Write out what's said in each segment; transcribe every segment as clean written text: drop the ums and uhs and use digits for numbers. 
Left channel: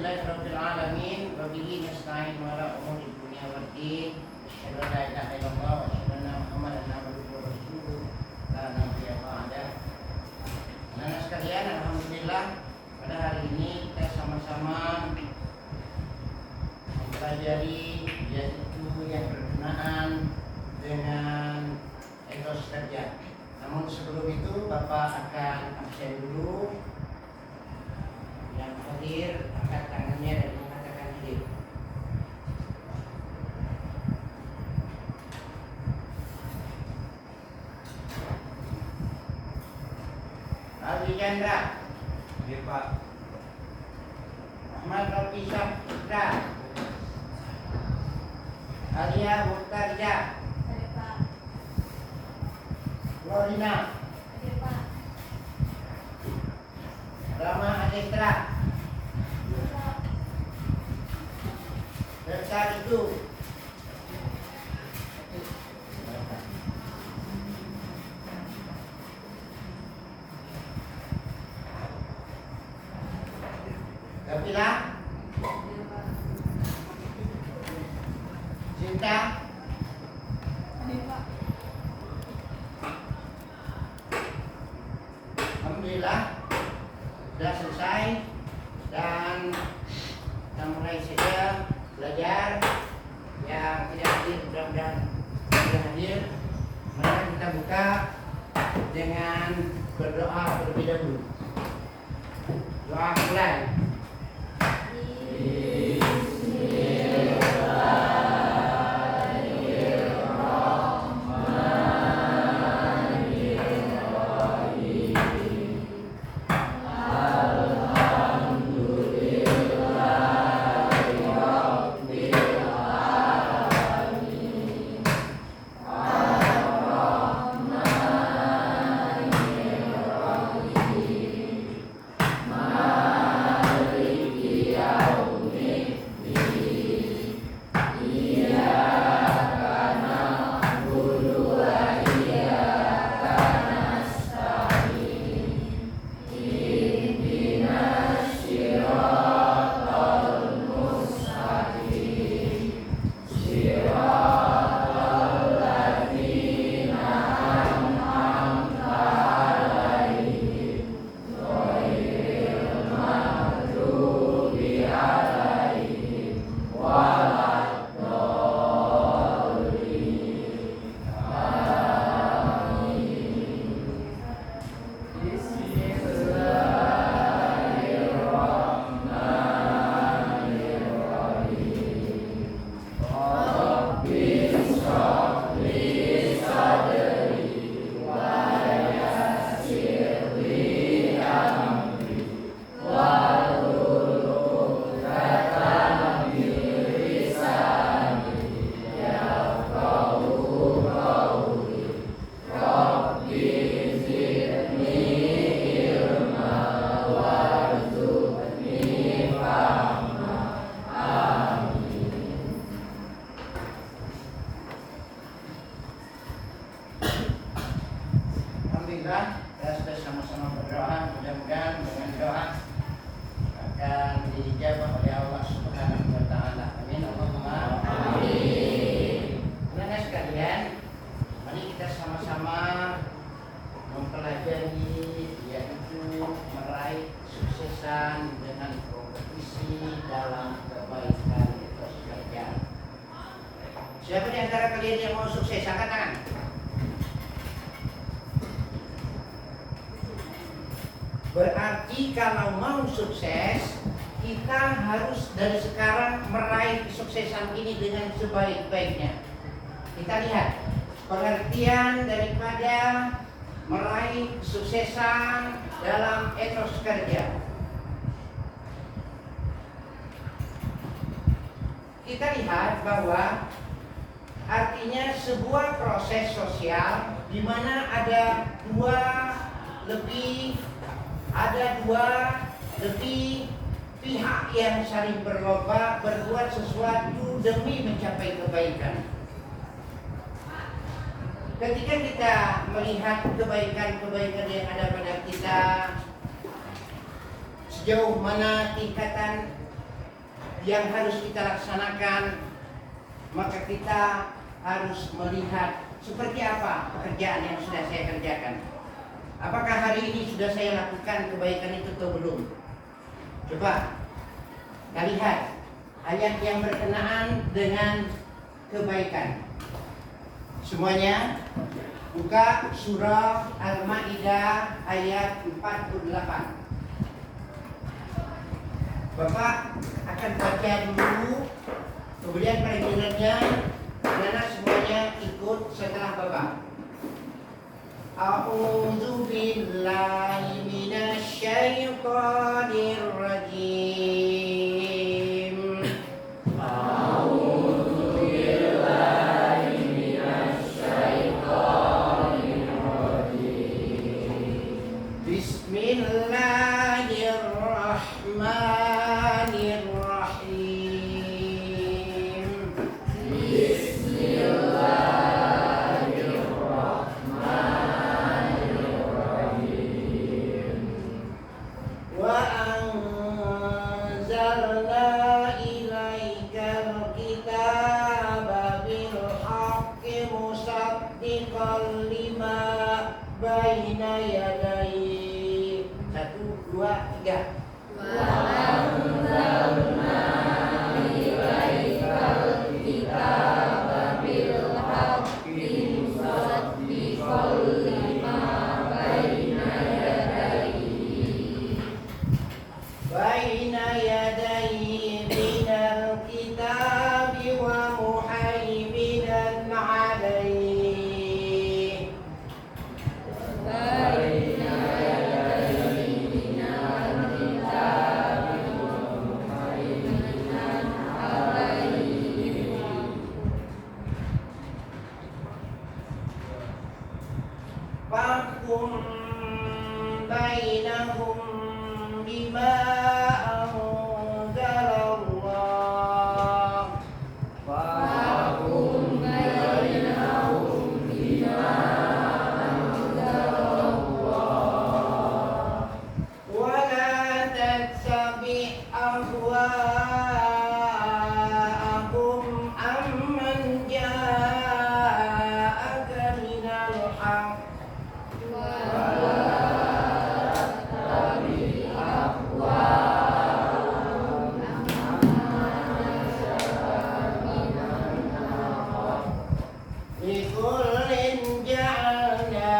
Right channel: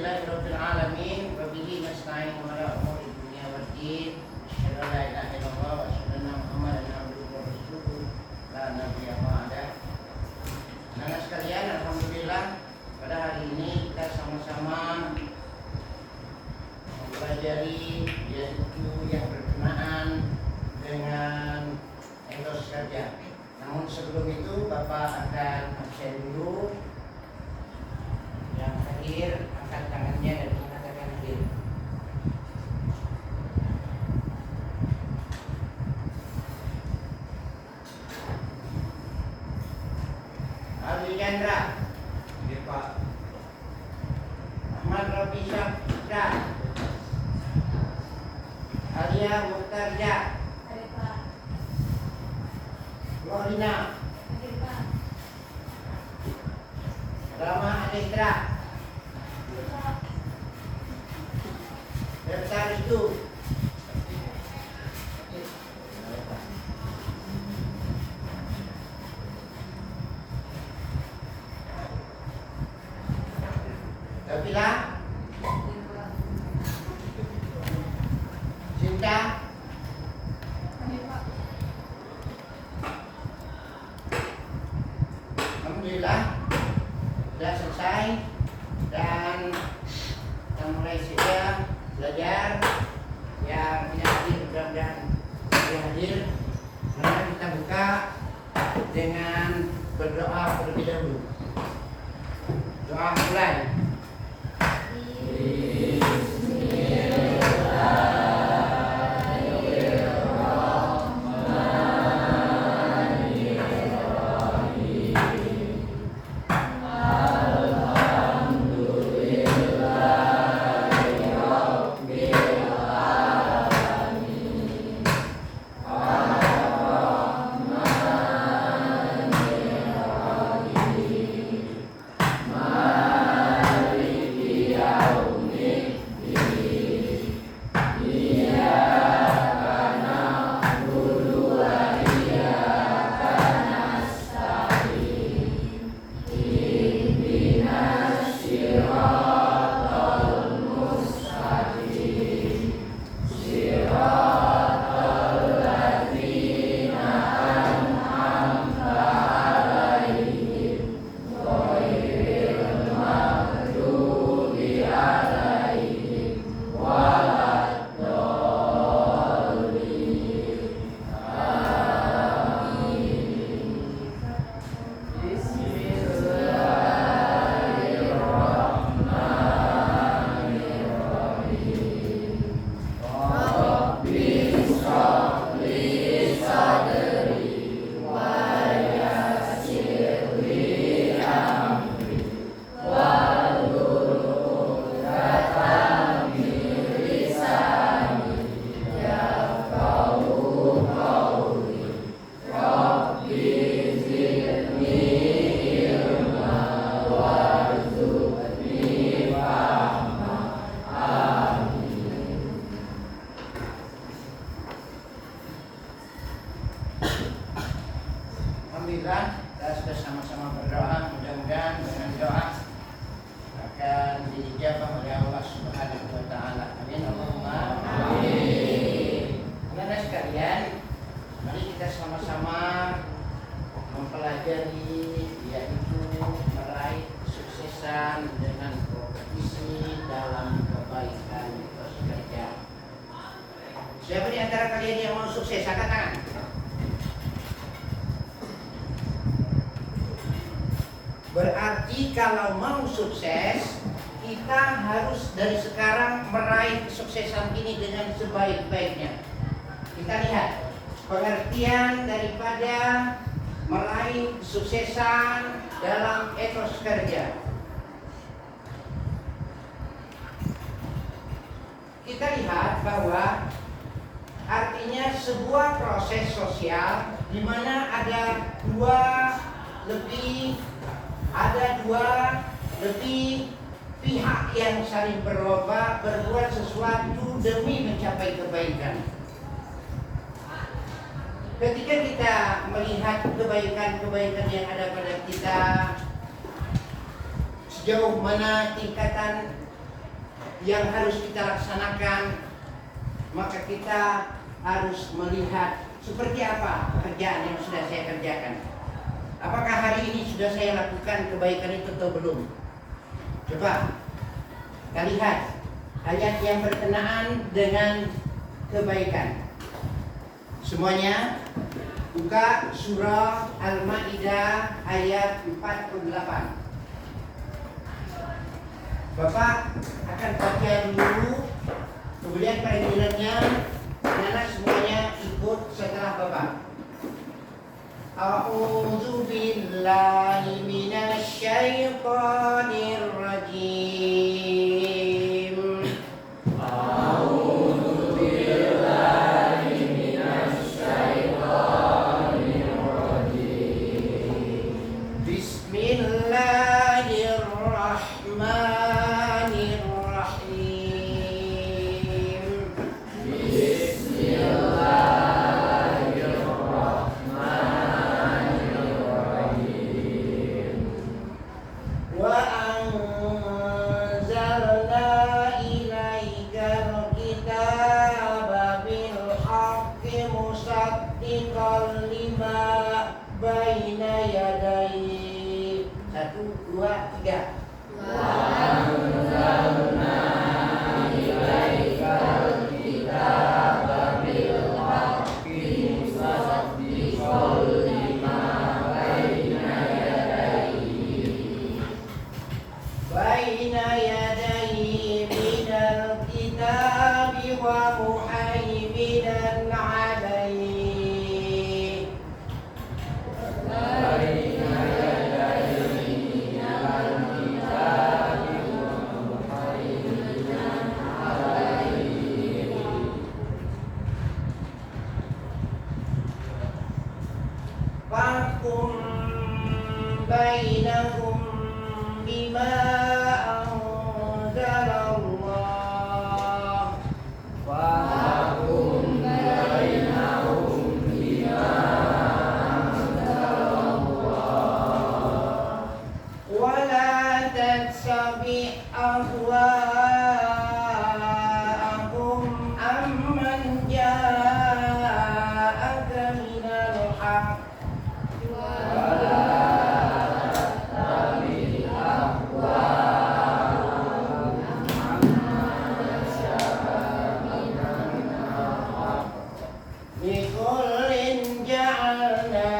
Alhamdulillahirabbil alamin wa bihi nasta'in ala umuri dunya waddin. Asyhadu an la ilaha illallah wa asyhadu anna Muhammadan abduhu wa rasuluh la nabiyya ba'da. Anak sekalian, alhamdulillah pada hari ini kita sama-sama mempelajari yaitu yang berkenaan dengan etos kerja. Namun sebelum itu Bapak akan absen dulu. Yang hadir angkat tangannya dan mengatakan hadir. Ali Chandra. Ini Pak. Ahmad Rafi Syafra. Alia Murtaza. Lorina. Rama Adestra. Besar itu. Kapila. Cinta. Alhamdulillah sudah selesai dan kita mulai saja belajar. Yang tidak hadir mudah-mudahan sudah hadir. Maka kita buka dengan berdoa terlebih dahulu. Doa mulai. Alhamdulillah kita sudah sama-sama berdoa, mudah-mudahan dengan doa akan dijawab oleh Allah Subhanahu wa taala. Amin. Allahumma amin. Anak sekalian, mari kita sama-sama mempelajari yaitu meraih kesuksesan dengan kompetisi dalam kebaikan etos kerja. Siapa di antara kalian yang mau sukses? Angkat tangan. Berarti kalau mau sukses, kita harus dari sekarang meraih kesuksesan ini dengan sebaik-baiknya. Kita lihat pengertian daripada meraih kesuksesan dalam etos kerja. Kita lihat bahwa artinya sebuah proses sosial di mana ada dua lebih pihak yang saling berlomba berbuat sesuatu demi mencapai kebaikan. Ketika kita melihat kebaikan-kebaikan yang ada pada kita, sejauh mana tingkatan yang harus kita laksanakan, maka kita harus melihat seperti apa pekerjaan yang sudah saya kerjakan. Apakah hari ini sudah saya lakukan kebaikan itu atau belum? Coba kita lihat ayat yang berkenaan dengan kebaikan. Semuanya buka surah Al-Maidah ayat 48. Bapak akan baca dulu, kemudian panggilannya anak semuanya ikut setelah Bapak. A'udzu billahi minasy syaithanir rajim. A'udzu billahi minasy syaithanir rajim. Bismillahirrahmanirrahim. Wa anzalna ilaikal kitaba bil haqqi musaddiqan lima baina yadayhi. 1, 2, 3. Wa anzalna ilaikal kitaba bil haqqi musaddiqan lima baina yadayhi minal kitabi wa muhaiminan alaihi. Fahkum bainahum bima anzalallah. Fahkum bainahum bima anzalallah. Wa la tattabi' ahwa'ahum amman ja'aka minal haqq. لِكُلٍّ جَعَلْنَا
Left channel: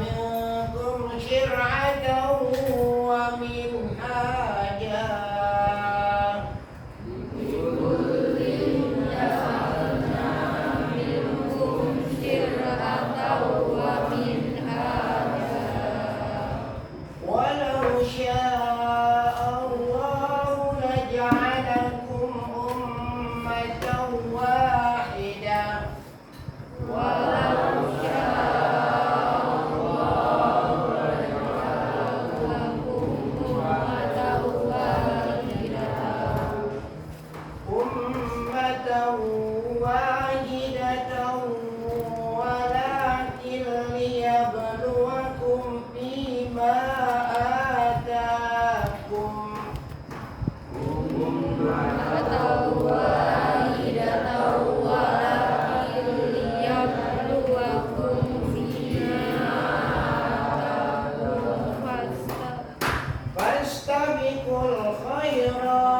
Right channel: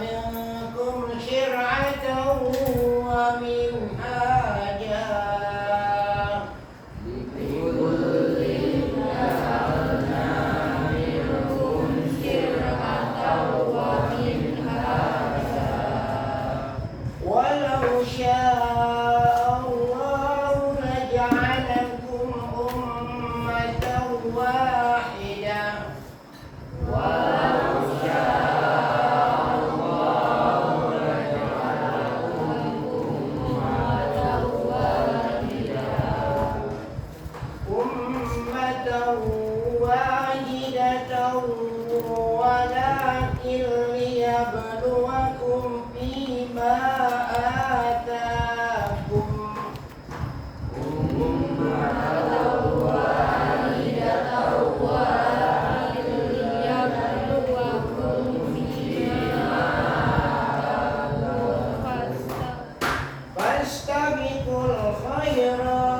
مِنكُمْ شِرْعَةً وَمِنْهَاجًا. وَلَوْ شَاءَ اللَّهُ لَجَعَلَكُمْ أُمَّةً وَاحِدَةً. ولكن ليبلوكم فيما آتاكم. فاستبقوا الخيرات.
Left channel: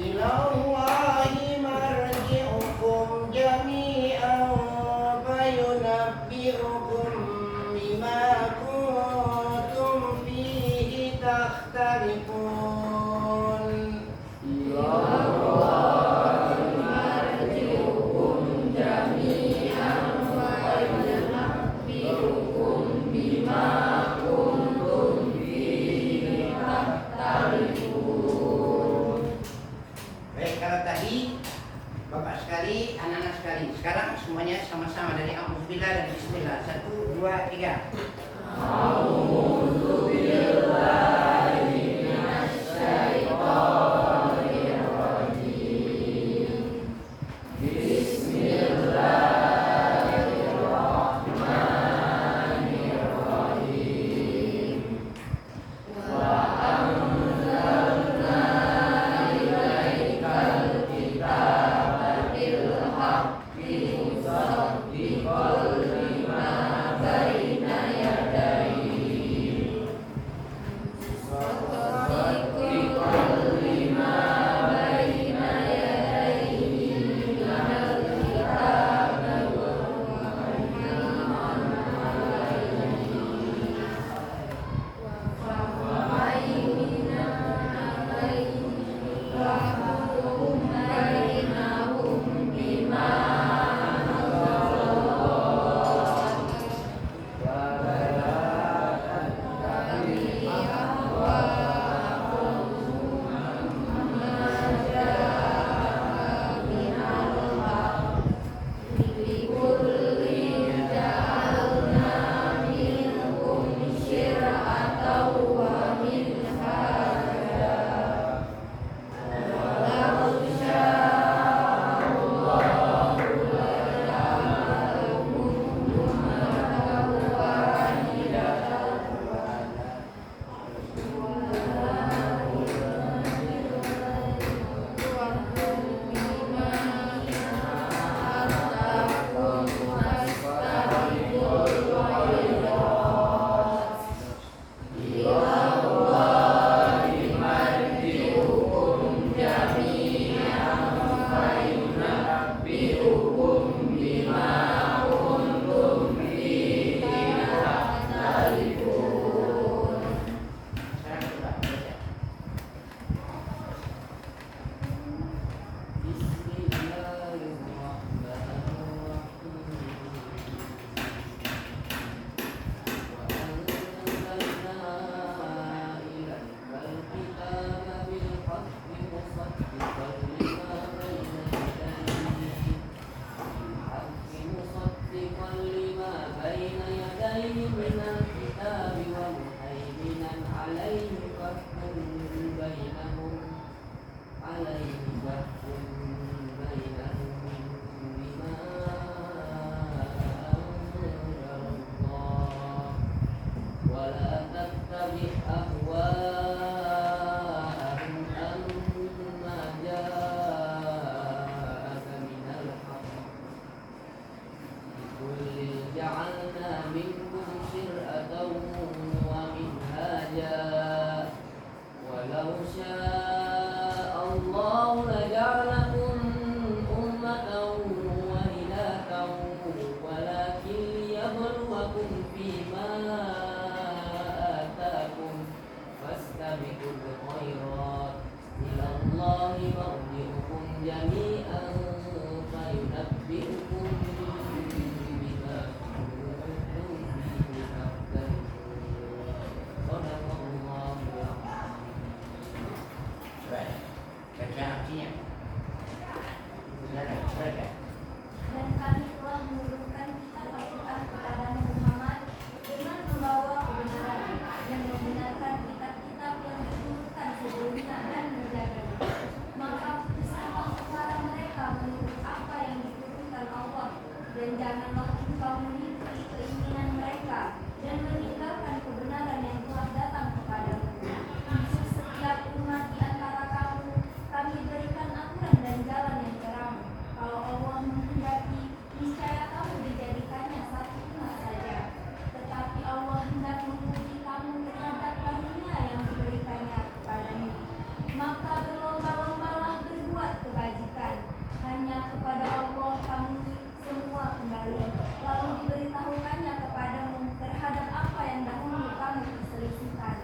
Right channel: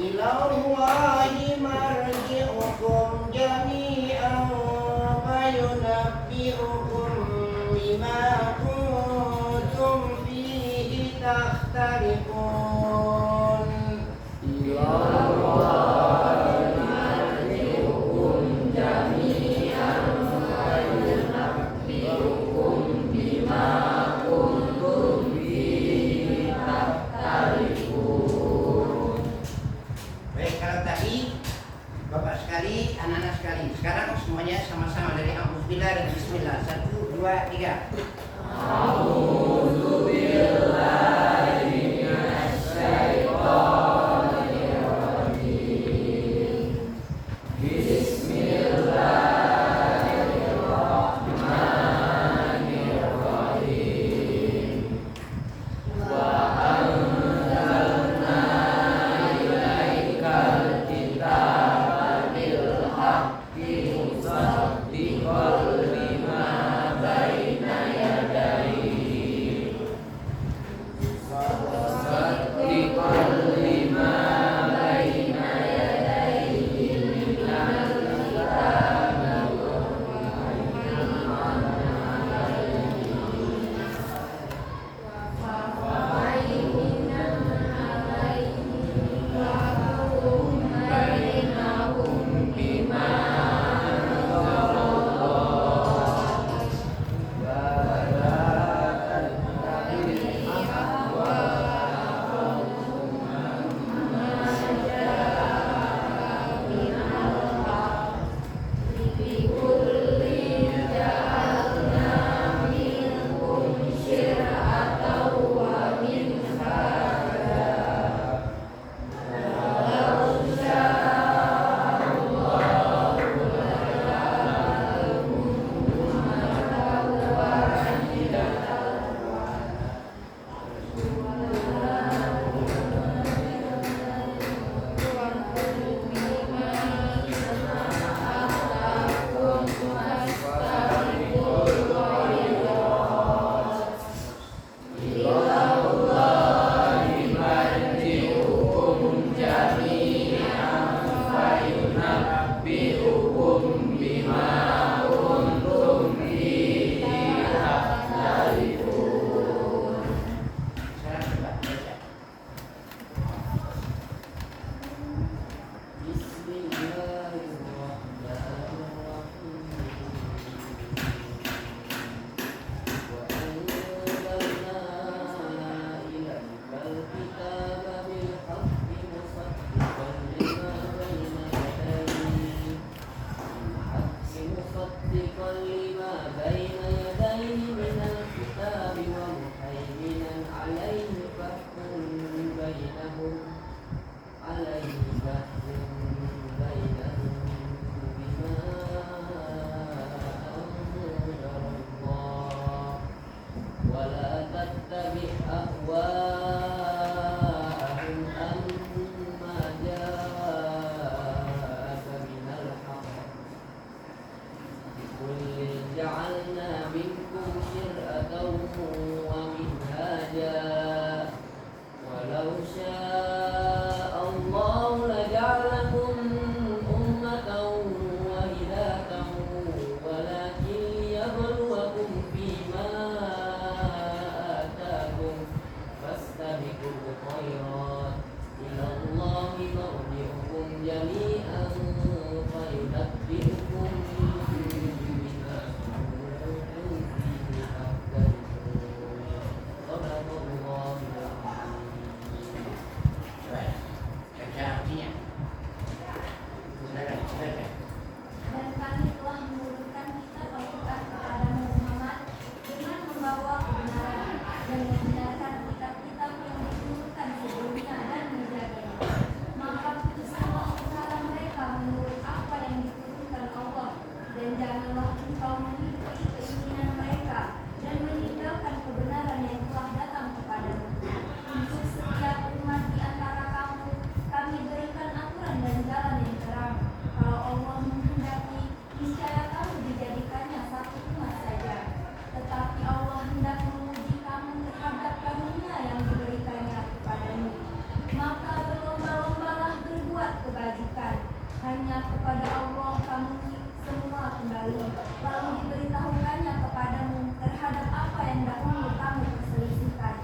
إلى الله مرجعكم جميعا فينبئكم بما كنتم فيه تختلفون. Baik, kalau tadi Bapak sekali, anak-anak sekali. Sekarang semuanya sama-sama dari Alhamdulillah dan Bismillah. 1, 2, 3. Bismillahirrahmanirrahim. أهواءهم أما جاءك من الحق لكل جعلنا منكم شرعة ومنهاجا ولو شاء الله لجعلكم أمة واحدة ولكن ليبلوكم فيما آتاكم فاستبقوا الخيرات إلى الله مرجعكم جميعا فينبئكم بما كنتم فيه تختلفون صدق الله العظيم. Baca artinya. Silakan baca. Dan kami telah menurunkan kitab Al-Quran kepadamu Muhammad dengan membawa kebenaran yang membenarkan kitab-kitab yang diturunkan sebelumnya dan menjaganya. Maka putuskanlah perkara mereka menurut apa yang diturunkan Allah, dan janganlah engkau mengikuti keinginan mereka dan meninggalkan kebenaran yang telah datang kepadamu. Untuk setiap umat di antara kamu, kami berikan aturan dan jalan yang terang. Kalau Allah menghendaki, niscaya kamu dijadikannya satu umat saja. Tetapi Allah hendak menguji kamu terhadap karunia yang diberikannya kepadamu. Maka berlomba-lombalah berbuat kebajikan. Hanya kepada Allah kamu semua kembali. Lalu diberitahukannya kepadamu terhadap apa yang dahulu kamu perselisihkan.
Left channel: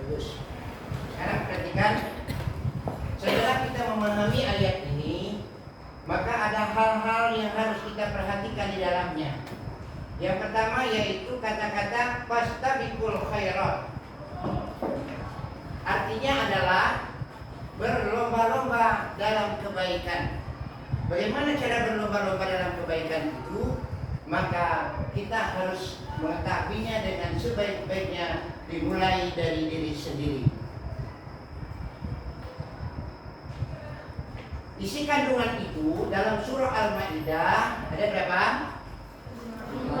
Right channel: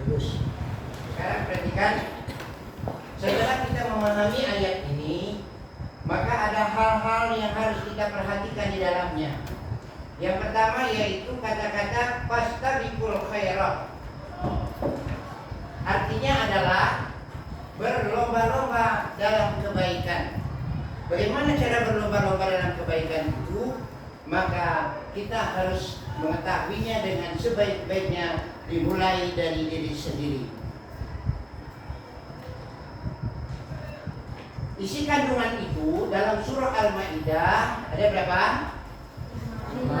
Bagus. Sekarang perhatikan. Setelah kita memahami ayat ini, maka ada hal-hal yang harus kita perhatikan di dalamnya. Yang pertama yaitu kata-kata fastabiqul khairat. Artinya adalah berlomba-lomba dalam kebaikan. Bagaimana cara berlomba-lomba dalam kebaikan itu? Maka kita harus mengetahuinya dengan sebaik-baiknya, dimulai dari diri sendiri. Isi kandungan itu dalam surah Al-Maidah ada berapa? 5.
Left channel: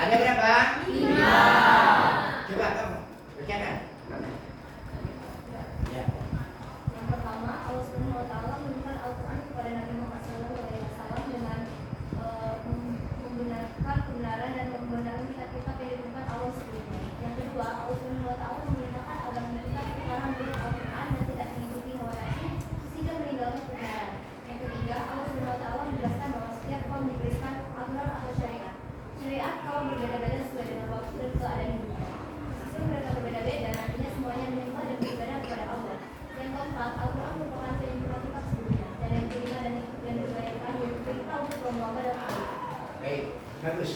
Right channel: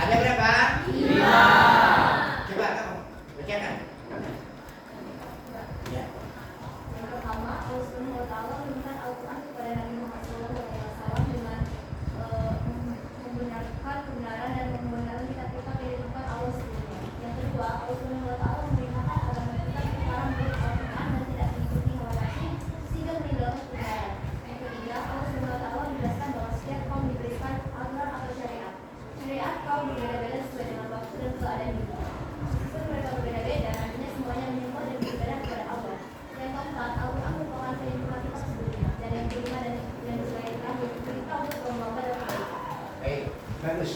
Ada berapa? 5. Coba kamu bacakan. Ya. Yang pertama, Allah Subhanahu wa taala menurunkan Al-Qur'an kepada Nabi Muhammad SAW dengan membenarkan kebenaran dan membenarkan kitab-kitab yang diturunkan Allah sebelumnya. Yang kedua, Allah Subhanahu wa taala memerintahkan agar kita sekarang beri Al-Qur'an dan tidak mengikuti hawa nafsu sehingga meninggalkan kebenaran. Yang ketiga, Allah Subhanahu wa taala menjelaskan bahwa setiap kaum diberikan aturan atau syariat. Syariat kaum berbeda-beda sesuai dengan waktu dan keadaan hidupnya. Meskipun mereka berbeda-beda, nantinya semuanya menyembah dan beribadah kepada Allah. Yang keempat, Al-Quran merupakan penyempurnaan kitab sebelumnya. Dan yang kelima dan yang terakhir yaitu perintah untuk berlomba dan kebaikan. Baik, bagus.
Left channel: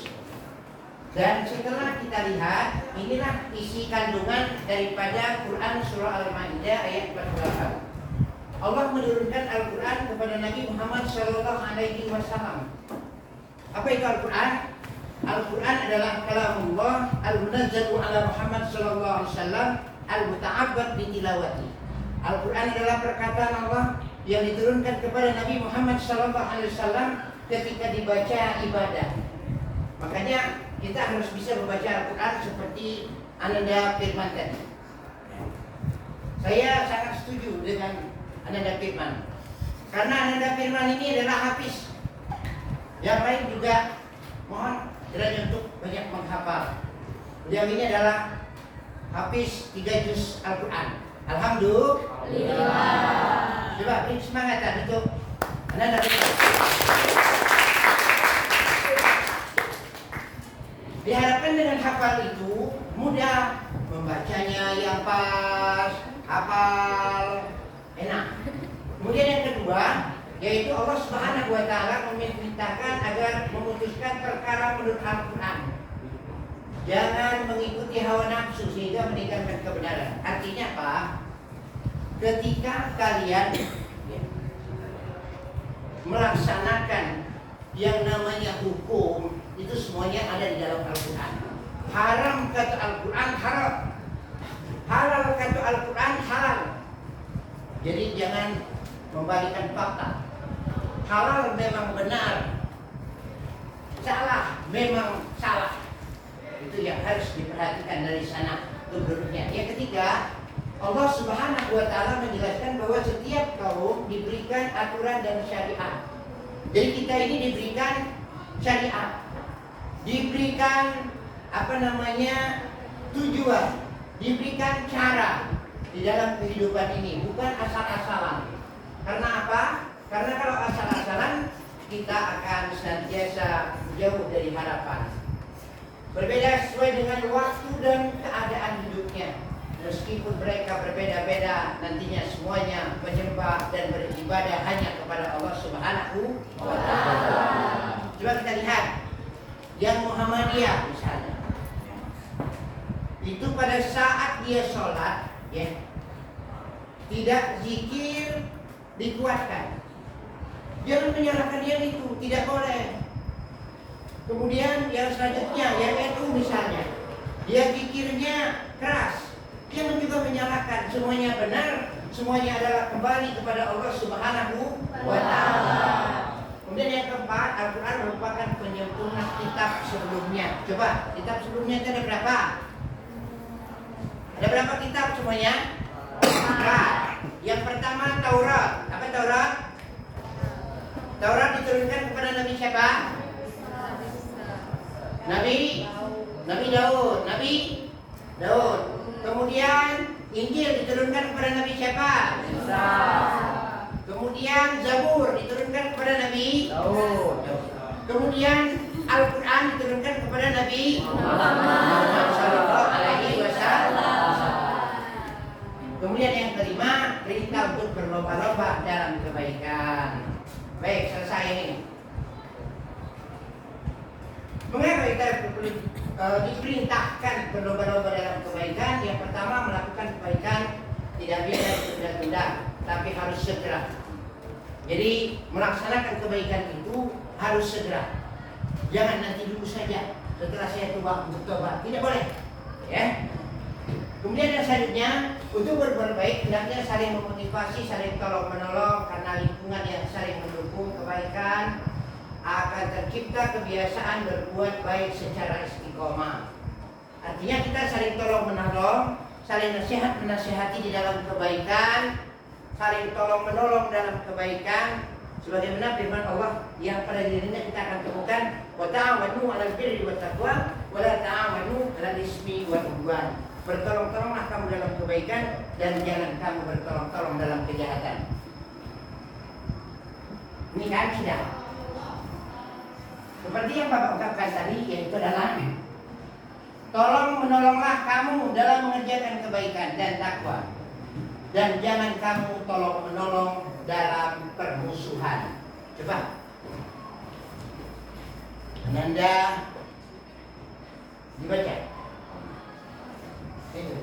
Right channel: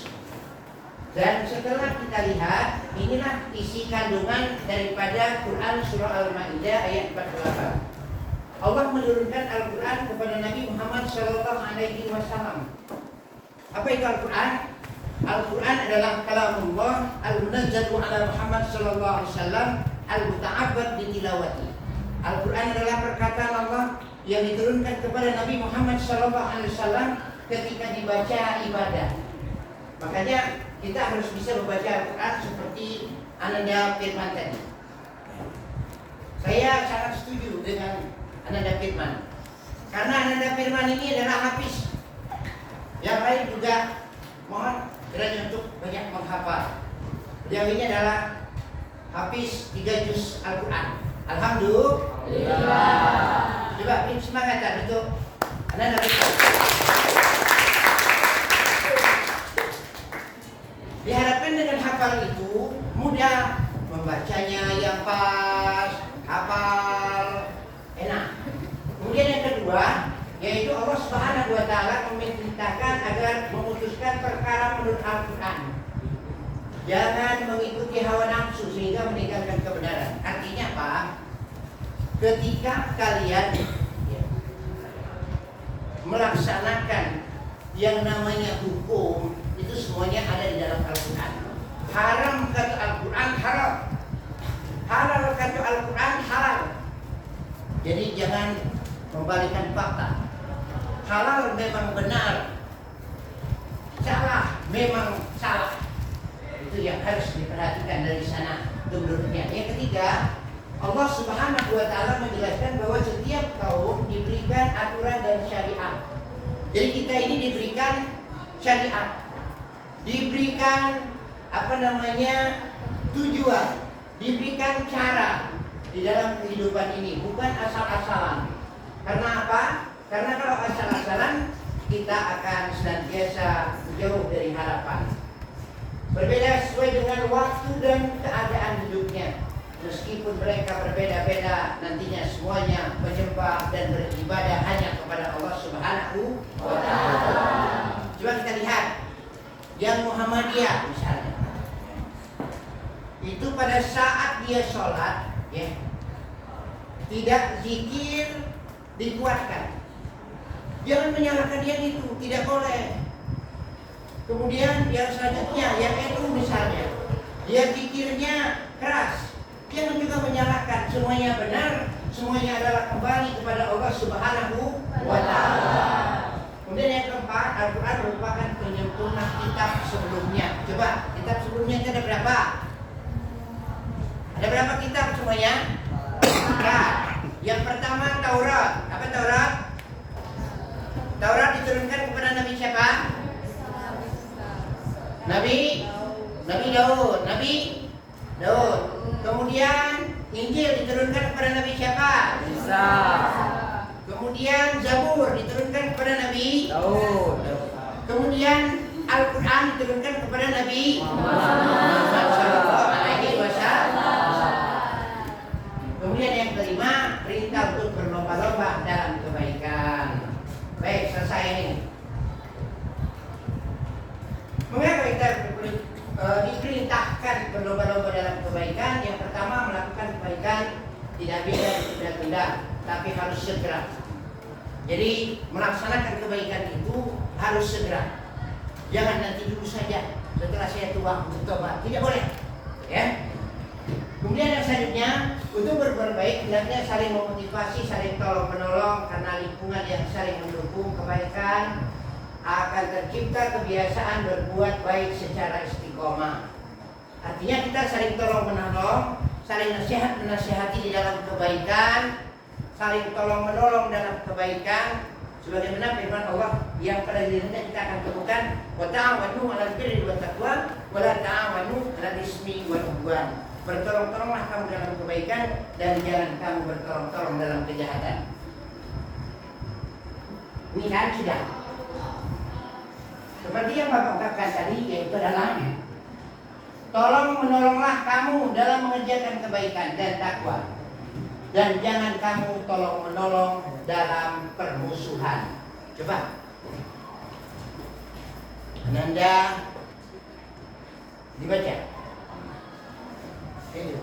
Dan setelah kita lihat, inilah isi kandungan daripada Quran surah Al-Maidah ayat 48. Allah menurunkan Al-Quran kepada Nabi Muhammad SAW. Apa itu Al-Quran? Al-Quran adalah kalamullah al-munazzalu ala Muhammad SAW al-muta'abbad bitilawati. Al-Quran adalah perkataan Allah yang diturunkan kepada Nabi Muhammad SAW ketika dibaca ibadah. Makanya kita harus bisa membaca Al-Quran seperti Ananda Firman tadi. Saya sangat setuju dengan Ananda Firman, karena Ananda Firman ini adalah hafiz. Yang lain juga mohon kiranya untuk banyak menghafal. Beliau ini adalah hafiz 3 juz Al-Quran. Alhamdulillah. Coba beri semangat untuk Ananda Firman. Diharapkan dengan hafal itu mudah membacanya, yang pas, hafal, enak. Kemudian yang kedua, yaitu Allah Subhanahu wa taala memerintahkan agar memutuskan perkara menurut Al-Quran. Jangan mengikuti hawa nafsu sehingga meninggalkan kebenaran. Artinya apa? Ketika kalian melaksanakan yang namanya hukum, itu semuanya ada di dalam Al-Quran. Haram kata Al-Quran haram, halal kata Al-Quran halal. Jadi jangan membalikkan fakta. Halal memang benar, salah memang salah. Itu yang harus diperhatikan dari sana kedudukannya. Yang ketiga, Allah Subhanahu wa Ta'ala menjelaskan bahwa setiap kaum diberikan aturan dan syariat. Jadi kita ini diberikan syariat, diberikan tujuan, diberikan cara di dalam kehidupan ini, bukan asal-asalan. Karena apa? Karena kalau asal-asalan kita akan senantiasa jauh dari harapan. Berbeda sesuai dengan waktu dan keadaan hidupnya. Meskipun mereka berbeda-beda, nantinya semuanya menyembah dan beribadah hanya kepada Allah Subhanahu wa Ta'ala. Coba kita lihat yang Muhammadiyah misalnya. Itu pada saat dia sholat, ya, tidak zikir dikuatkan. Jangan menyalahkan dia itu, tidak boleh. Kemudian yang selanjutnya, yang NU misalnya, dia zikirnya keras. Jangan juga menyalahkan, semuanya benar, semuanya adalah kembali kepada Allah Subhanahu wa Ta'ala. Kemudian yang keempat, Al-Quran merupakan penyempurna kitab sebelumnya. Coba, kitab sebelumnya itu ada berapa? Ada berapa kitab semuanya? Empat. Yang pertama Taurat. Apa Taurat? Taurat diturunkan kepada Nabi siapa? Nabi Daud. Kemudian Injil diturunkan kepada Nabi siapa? Isa. Kemudian Zabur diturunkan kepada Nabi Daud. Kemudian Al-Quran diturunkan kepada Nabi Muhammad sallallahu alaihi wasallam. Kemudian yang kelima, perintah untuk berlomba-lomba dalam kebaikan. Baik, selesai ini. Mengapa kita diperintahkan berlomba-lomba dalam kebaikan? Yang pertama, melakukan kebaikan tidak bisa ditunda-tunda, tapi harus segera. Jadi melaksanakan kebaikan itu harus segera. Jangan nanti dulu saja, setelah saya tua untuk tobat. Tidak boleh, ya. Kemudian yang selanjutnya, untuk berbuat baik hendaknya saling memotivasi, saling tolong menolong, karena lingkungan yang saling mendukung kebaikan akan tercipta kebiasaan berbuat baik secara istiqomah. Artinya kita saling tolong menolong, saling nasihat menasihati di dalam kebaikan, saling tolong menolong dalam kebaikan, sebagaimana firman Allah yang pada dirinya kita akan temukan, wa ta'awanu 'alal birri wat taqwa wa la ta'awanu 'alal ismi wal 'udwan. Bertolong-tolonglah kamu dalam kebaikan dan jangan kamu bertolong-tolong dalam kejahatan. Ini kan sudah. Seperti yang Bapak ungkapkan tadi, yaitu adalah tolong menolonglah kamu dalam mengerjakan kebaikan dan takwa, dan jangan kamu tolong menolong dalam permusuhan. Coba Ananda dibaca. Ini.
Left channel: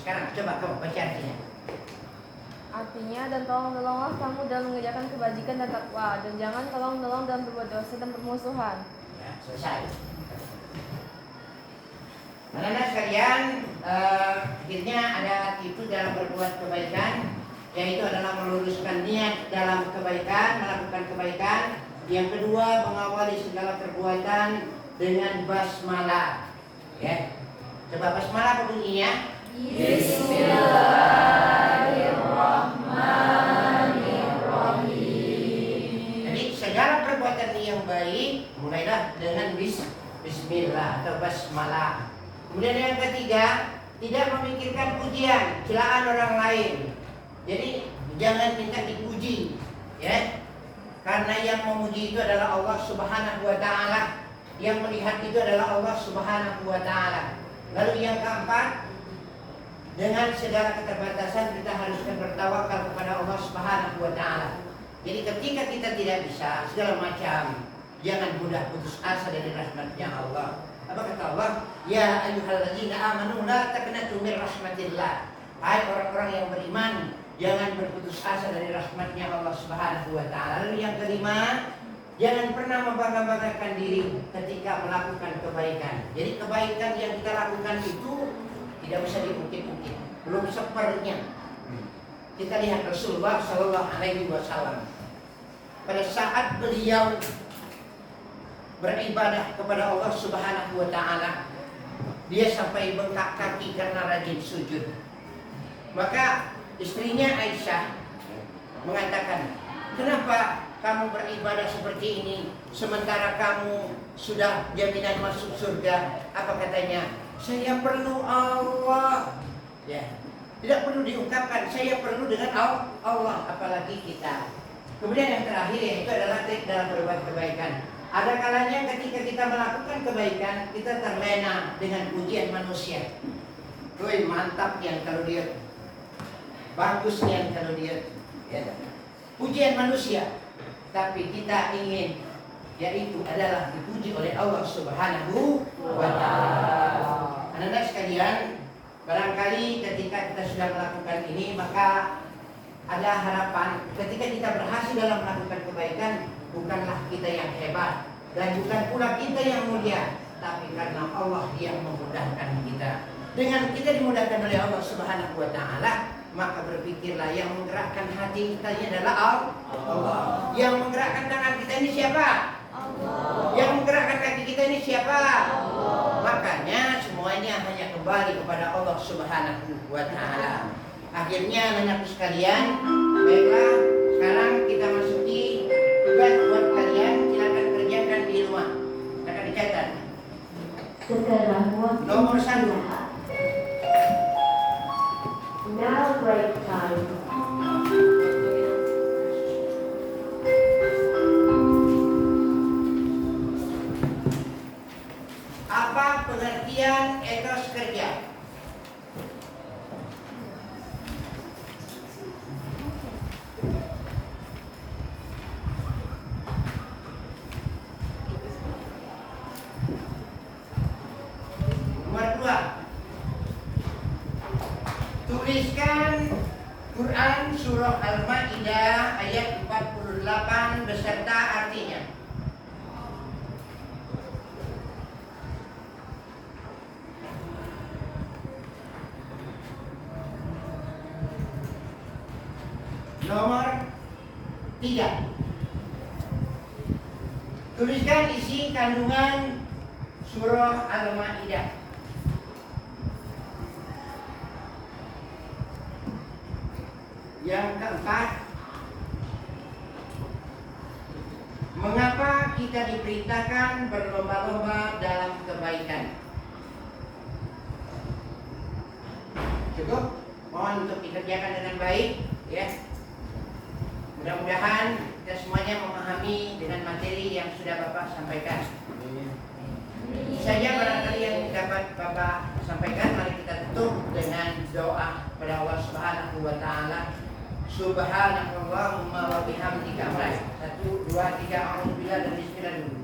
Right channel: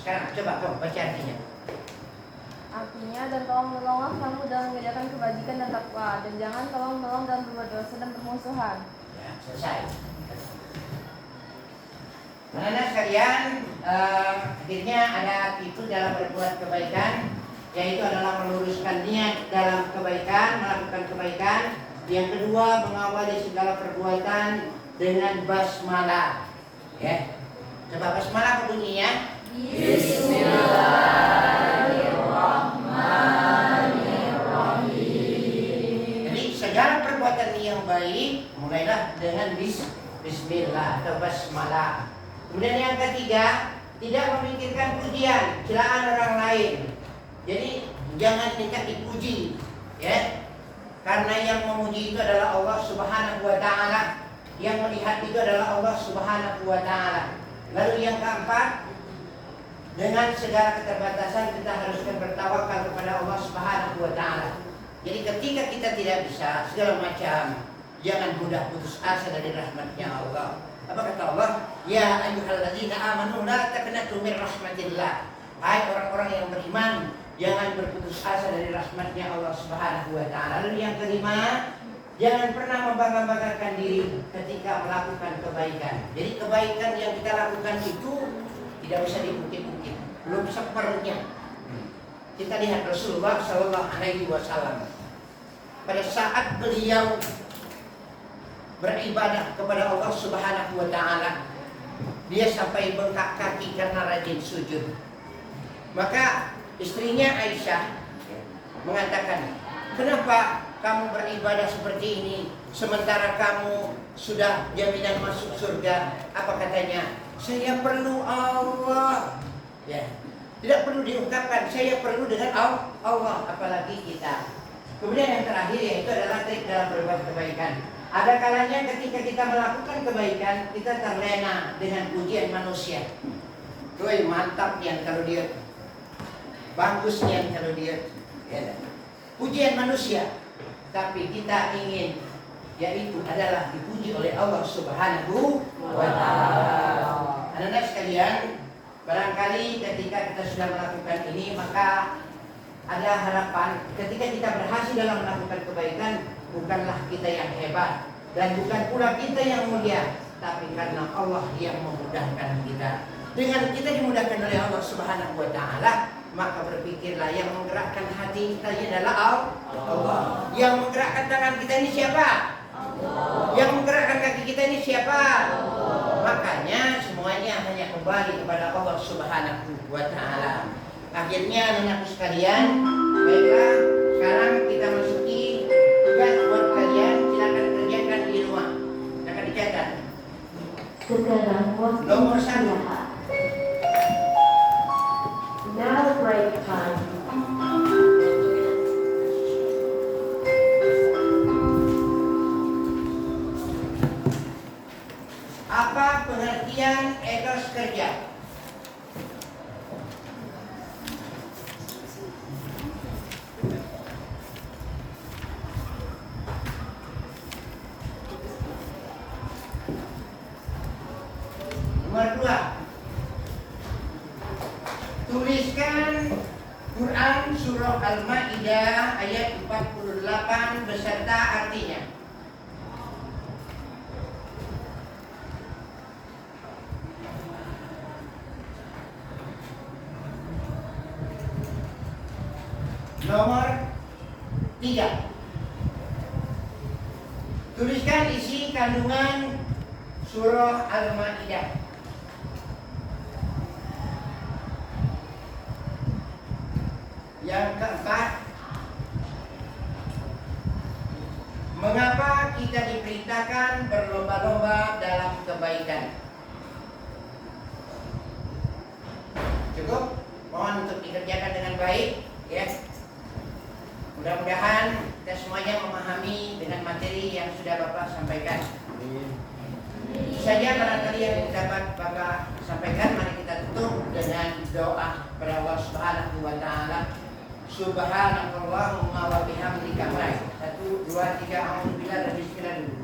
Sekarang coba kamu baca artinya. Artinya, dan tolong menolonglah kamu dalam mengerjakan kebajikan dan takwa, dan jangan tolong menolong dalam berbuat dosa dan permusuhan. Ya, selesai. Anak-anak sekalian, akhirnya ada itu dalam berbuat kebaikan, yaitu adalah meluruskan niat dalam kebaikan, melakukan kebaikan. Yang kedua, mengawali segala perbuatan dengan basmalah. Ya, coba basmalah apa bunyinya? Bismillahirrahmanirrahim. Jadi segala perbuatan yang baik mulailah dengan bismillah atau basmalah. Kemudian yang ketiga, tidak memikirkan pujian, celaan orang lain. Jadi jangan minta dipuji, ya. Karena yang memuji itu adalah Allah Subhanahu wa Ta'ala. Yang melihat itu adalah Allah Subhanahu wa Ta'ala. Lalu yang keempat, dengan segala keterbatasan kita haruskan bertawakal kepada Allah Subhanahu wa Ta'ala. Jadi ketika kita tidak bisa segala macam, jangan mudah putus asa dari rahmatnya Allah. Apa kata Allah? Ya ayyuhalladzina amanu la taqnatu min rahmatillah. Hai orang-orang yang beriman, jangan berputus asa dari rahmatnya Allah Subhanahu wa Ta'ala. Lalu yang kelima, jangan pernah membangga-banggakan diri ketika melakukan kebaikan. Jadi kebaikan yang kita lakukan itu tidak bisa diungkit-ungkit, belum seperlunya. Kita lihat Rasulullah Sallallahu Alaihi Wasallam pada saat beliau beribadah kepada Allah Subhanahu Wa Taala, dia sampai bengkak kaki karena rajin sujud. Maka istrinya Aisyah mengatakan, kenapa kamu beribadah seperti ini sementara kamu sudah jaminan masuk surga? Apa katanya? Saya perlu Allah. Ya, tidak perlu diungkapkan. Saya perlu dengan Allah, apalagi kita. Kemudian yang terakhir yaitu adalah trik dalam berbuat kebaikan. Ada kalanya ketika kita melakukan kebaikan, kita terlena dengan pujian manusia. Woi, mantap yang kalau dia, bagus yang kalau dia. Ya. Pujian manusia. Tapi kita ingin, yaitu adalah dipuji oleh Allah Subhanahu wa Ta'ala. Anak-anak sekalian, barangkali ketika kita sudah melakukan ini, maka ada harapan ketika kita berhasil dalam melakukan kebaikan, bukanlah kita yang hebat dan bukan pula kita yang mulia, tapi karena Allah yang memudahkan kita. Dengan kita dimudahkan oleh Allah Subhanahu wa Ta'ala, maka berpikirlah yang menggerakkan hati kita ini adalah Allah. Yang menggerakkan tangan kita ini siapa? Allah. Yang menggerakkan kaki kita ini siapa? Allah. Makanya semuanya hanya kembali kepada Allah Subhanahu wa Ta'ala. Akhirnya anak-anak sekalian, baiklah, sekarang kita masuki tugas buat kalian. Silakan kerjakan di rumah. Akan dicatat. Nomor 1. Now break time. Apa pengertian etos kerja? Nomor 2. Tuliskan Quran Surah Al-Ma'idah ayat 48 beserta artinya. Nomor 3. Tuliskan isi kandungan Surah Al-Ma'idah. Yang keempat, mengapa kita diperintahkan berlomba-lomba dalam kebaikan? Cukup? Mohon untuk dikerjakan dengan baik, ya. Mudah-mudahan kita semuanya memahami dengan materi yang sudah Bapak sampaikan. Itu saja barangkali yang dapat Bapak sampaikan. Mari kita tutup dengan doa kepada Allah Subhanahu wa Ta'ala. Subhanallahumma wa bihamdika. 1, 2, 3. Alhamdulillah dan bismillah dulu.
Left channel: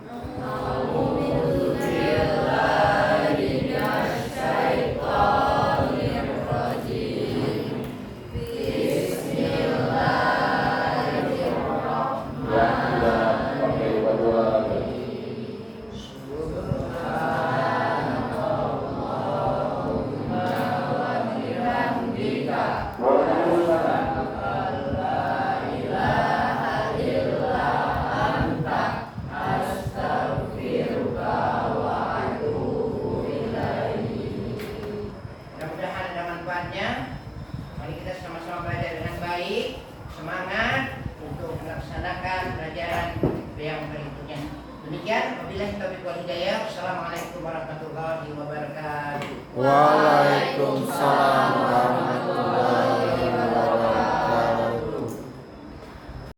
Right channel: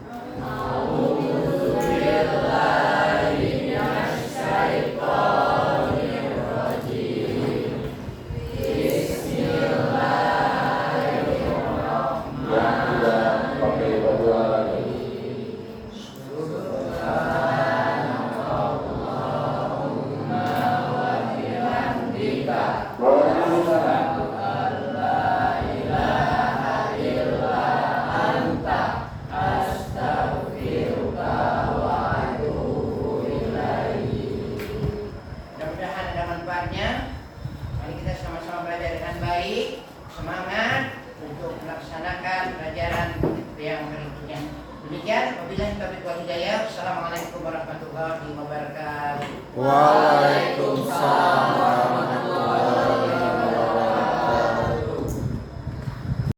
Mari kita sama-sama belajar dengan baik, semangat untuk melaksanakan pelajaran yang berikutnya. Demikian, wabillahi taufiq wal hidayah. Assalamualaikum warahmatullahi wabarakatuh. Waalaikumsalam warahmatullahi wabarakatuh.